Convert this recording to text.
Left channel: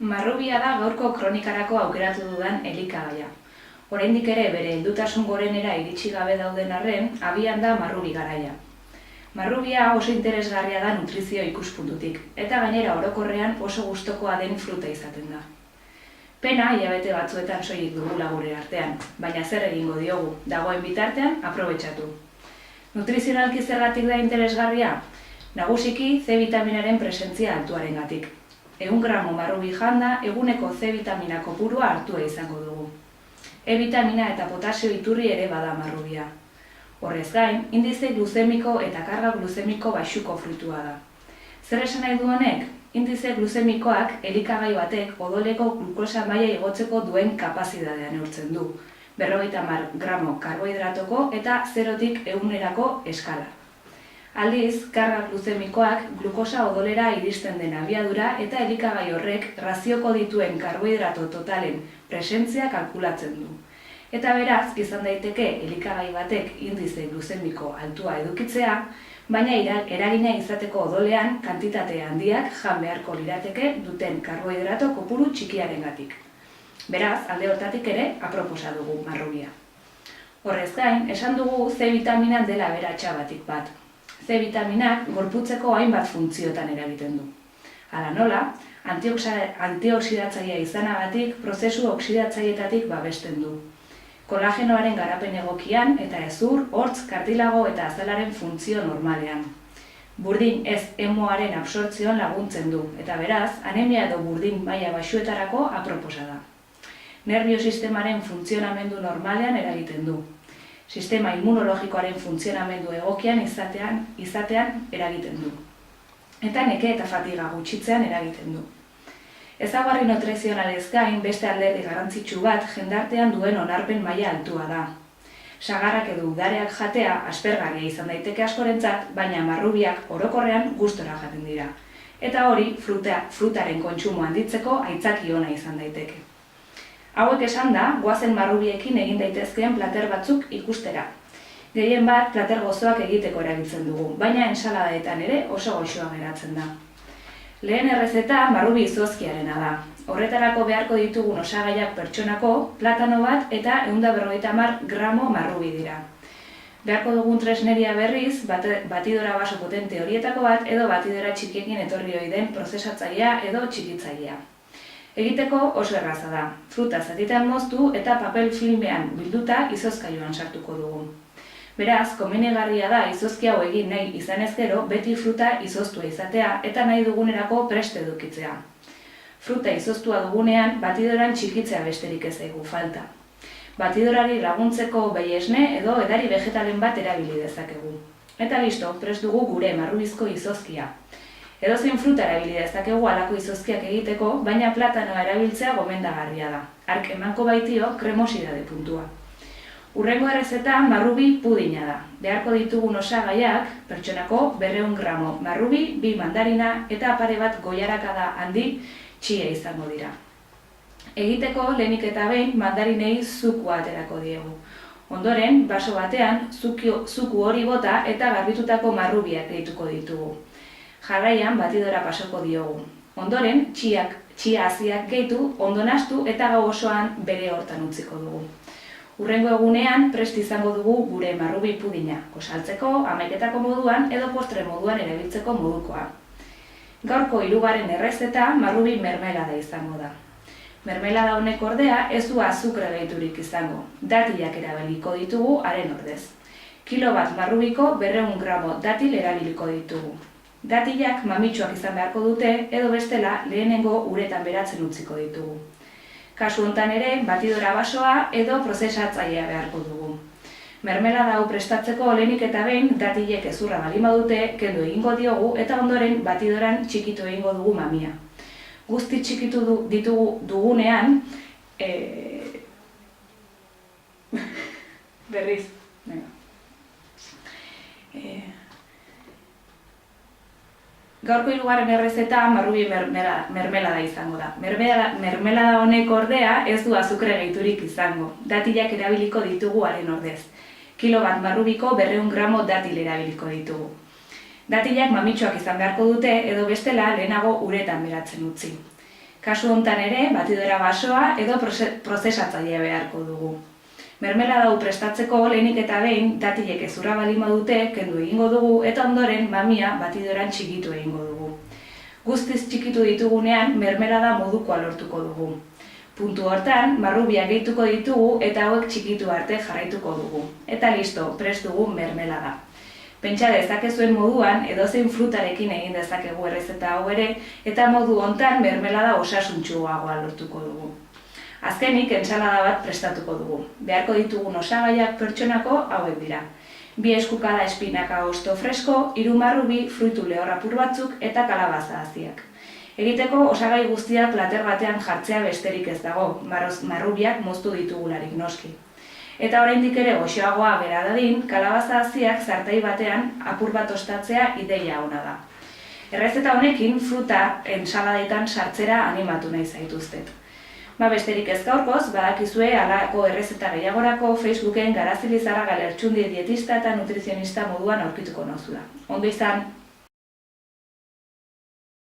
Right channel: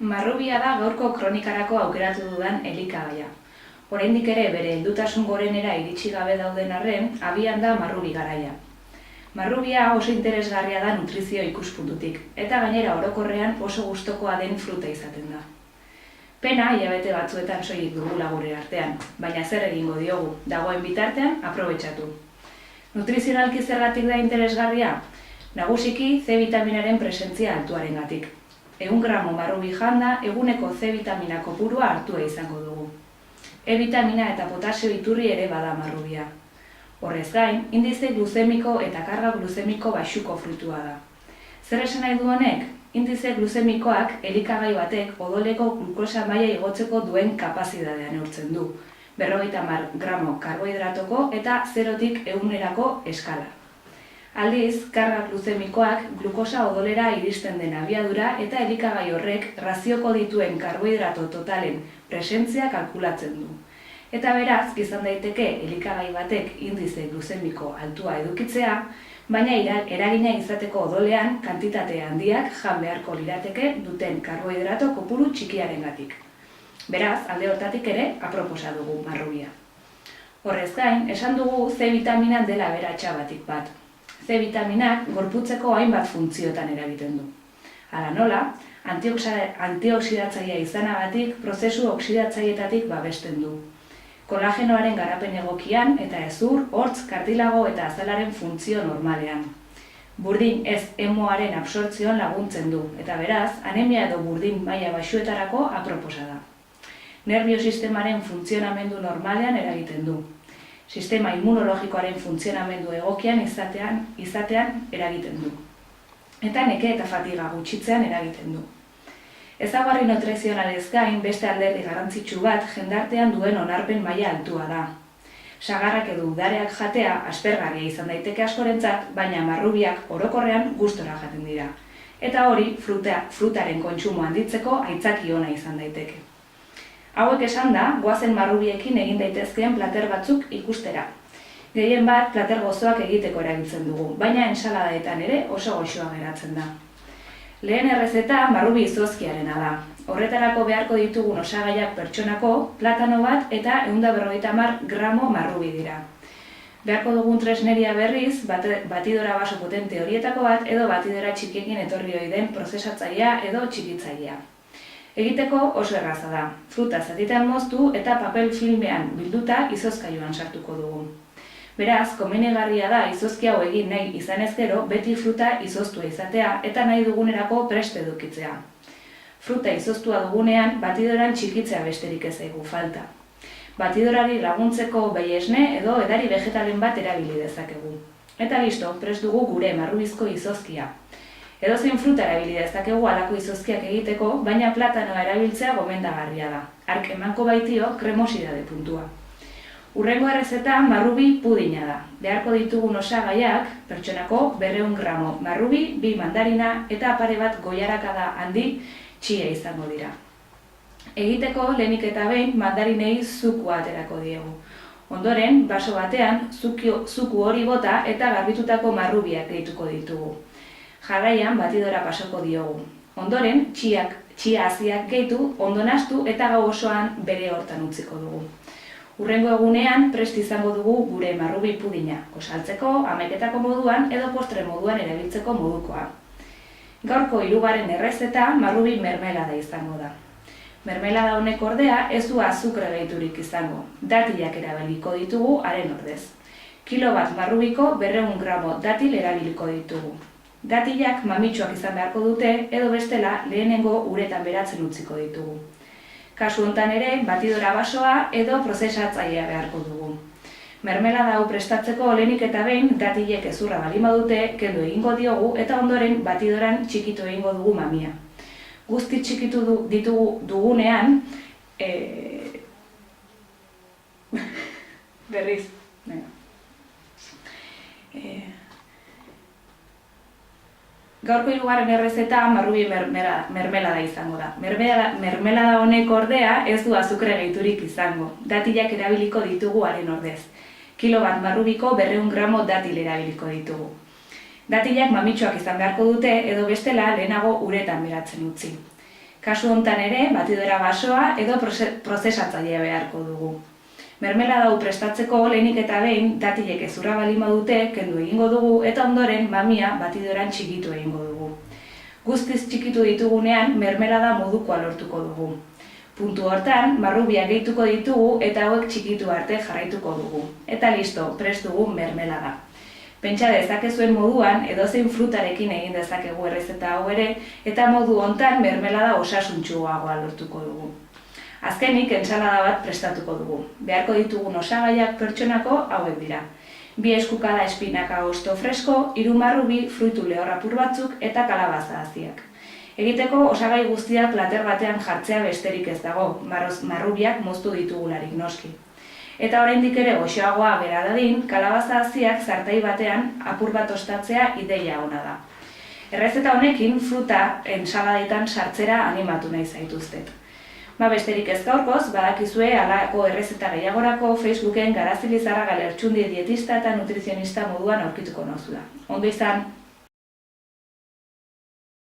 Marrubia da gaurko kronikarako aukeratu dudan elikagaia. Oraindik ere bere heldutasun gorenera iritsi gabe dauden arren, abian da marrubi garaia. Marrubia oso interesgarria da nutrizio ikuspuntutik, eta gainera orokorrean oso gustokoa den fruta izaten da. Pena, hilabete batzuetan soilik dugula gure artean, baina zer egingo diogu, dagoen bitartean aprobetxatu. Nutrizionalki zergatik da interesgarria? Nagusiki C vitaminaren presentzia altuarengatik. 100 gramo marrubi janda, eguneko C vitamina kopurua hartua izango dugu. E vitamina eta potasio iturri ere bada marrubia. Horrez gain, indize gluzemiko eta karga gluzemiko baxuko frutua da. Zer esan nahi du honek? Indize gluzemikoak elikagai batek odoleko glukosa maila igotzeko duen kapazitatea neurtzen du. 50 gramo karbohidratoko eta 0-tik 100erako eskala. Aldiz, karga gluzemikoak glukosa odolera iristen den abiadura eta elikagai horrek razioko dituen karbohidrato totalen presentzia kalkulatzen du. Eta beraz, izan daiteke elikagai batek indize gluzemiko altua edukitzea, baina eragina izateko odolean kantitate handiak jan beharko lirateke duten karbohidrato kopuru txikiarengatik. Beraz, alde hortatik ere aproposa dugu marrubia. Horrez gain, esan dugu C vitamina dela aberatsa batik bat. C vitaminak gorputzeko hainbat funtziotan eragiten du. Hala nola, antioxidatzailea izanagatik prozesu oxidatzaileetatik babesten du. Kolagenoaren garapen egokian eta hezur, hortz, kartilago eta azalaren funtzio normalean. Burdin ez hemoaren absortzioan laguntzen du, eta beraz, anemia edo burdin maila baxuetarako aproposa da. Nerbio sistemaren funtzionamendu normalean eragiten du. Sistema immunologikoaren funtzionamendu egokian izatean eragiten du. Eta neke eta fatiga gutxitzean eragiten du. Ezaugarri nutrizionalez gain beste alderdi garrantzitsu bat jendartean duen onarpen maila altua da. Sagarrak edo udareak jatea aspergarria izan daiteke askorentzat, baina marrubiak orokorrean gustora jaten dira. Eta hori frutaren kontsumo handitzeko aitzaki ona izan daiteke. Hauek esan da, goazen marrubiekin egin daitezkeen plater batzuk ikustera. Gehien bat plater gozoak egiteko erabiltzen dugu, baina ensaladaetan ere oso goxoa geratzen da. Lehen errezeta marrubi izozkiarena da. Horretarako beharko ditugun osagaiak pertsonako, platano bat eta 150 gramo marrubi dira. Beharko dugun tresneria berriz, batidora baso potente horietako bat edo batidora txikiekin etorri ohi den prozesatzailea edo txikitzailea. Egiteko oso erraza da. Fruta zatitan moztu eta papel filmean bilduta izozkailuan sartuko dugu. Beraz, komenigarria da izozki hau egin nahi izanez gero beti fruta izoztua izatea eta nahi dugunerako prest edukitzea. Fruta izoztua dugunean batidoran txikitzea besterik ez zaigu falta. Batidorari laguntzeko behi esne edo edari vegetalen bat erabili dezakegu. Eta listo, prest dugu gure marrubizko izozkia. Edozein fruta erabili dezakegu halako izozkiak egiteko, baina platanoa erabiltzea gomendagarria da. Hark emango baitio kremosidade puntua. Hurrengo errezeta marrubi pudina da. Beharko ditugun osagaiak, pertsonako 200 gramo marrubi, 2 mandarina eta pare bat goiarakada handi txia izango dira. Egiteko lehenik eta behin mandarinei zukua aterako diegu. Ondoren, baso batean, zuku hori bota eta garbitutako marrubiak gehituko ditugu. Jarraian batidora pasoko diogu. Ondoren, txia haziak gehitu, ondo nahastu eta gau osoan bere hortan utziko dugu. Hurrengo egunean prest izango dugu gure marrubi pudina, gosaltzeko, hamaiketako moduan edo postre moduan erabiltzeko modukoa. Gaurko 3. errezeta marrubi mermelada izango da. Mermelada honek ordea ez du azukre gehiturik izango, datilak erabiliko ditugu haren ordez. Kilo bat marrubiko 200 gramo datil erabiliko ditugu. Datilak mamitsuak izan beharko dute edo bestela lehenengo uretan beratzen utziko ditugu. Kasu hontan ere, batidora basoa edo prozesatzailea beharko dugu. Mermelada hau prestatzeko lehenik eta behin datilek hezurra baldin badute kendu egingo diogu eta ondoren batidoran txikitu egingo dugu mamia. Guzti txikitu dugunean, berriz, gaurko 3. errezeta marrubi mermelada izango da. Mermelada honek ordea ez du azukre gehiturik izango. Datilak erabiliko ditugu haren ordez. Kilo bat marrubiko 200 gramo datil erabiliko ditugu. Datilak mamitsuak izan beharko dute edo bestela lehenago uretan beratzen utzi. Kasu hontan ere, batidora basoa edo prozesatzailea beharko dugu. Mermelada hau prestatzeko lehenik eta behin datilek hezurra baldin badute kendu egingo dugu eta ondoren mamia batidoran txikitu egingo dugu. Guztiz txikitu ditugunean mermelada modukoa lortuko dugu. Puntu hortan, marrubiak gehituko ditugu eta hauek txikitu arte jarraituko dugu. Eta listo, prest dugu mermelada. Pentsa dezakezuen moduan, edozein frutarekin egin dezakegu errezeta hau ere, eta modu hontan mermelada osasuntsuagoa lortuko dugu. Azkenik, entsalada bat prestatuko dugu. Beharko ditugun osagaiak pertsonako hauek dira. 2 eskukada espinaka hosto fresko, 3 marrubi, fruitu lehor apur batzuk eta kalabaza haziak. Egiteko osagai guztia plater batean jartzea besterik ez dago, marrubiak moztu ditugularik noski. Eta oraindik ere goxoagoa gera dadin, kalabaza haziak zartai batean apur bat ostatzea ideia ona da. Errezeta honekin fruta ensaladetan sartzera animatu nahi zaituztet. Besterik ez gaurkoz, badakizue halako errezeta gehiagorako Facebooken Garazili Zarraga Lertxundi dietista eta nutrizionista moduan aurkituko nauzula. Ondo izan!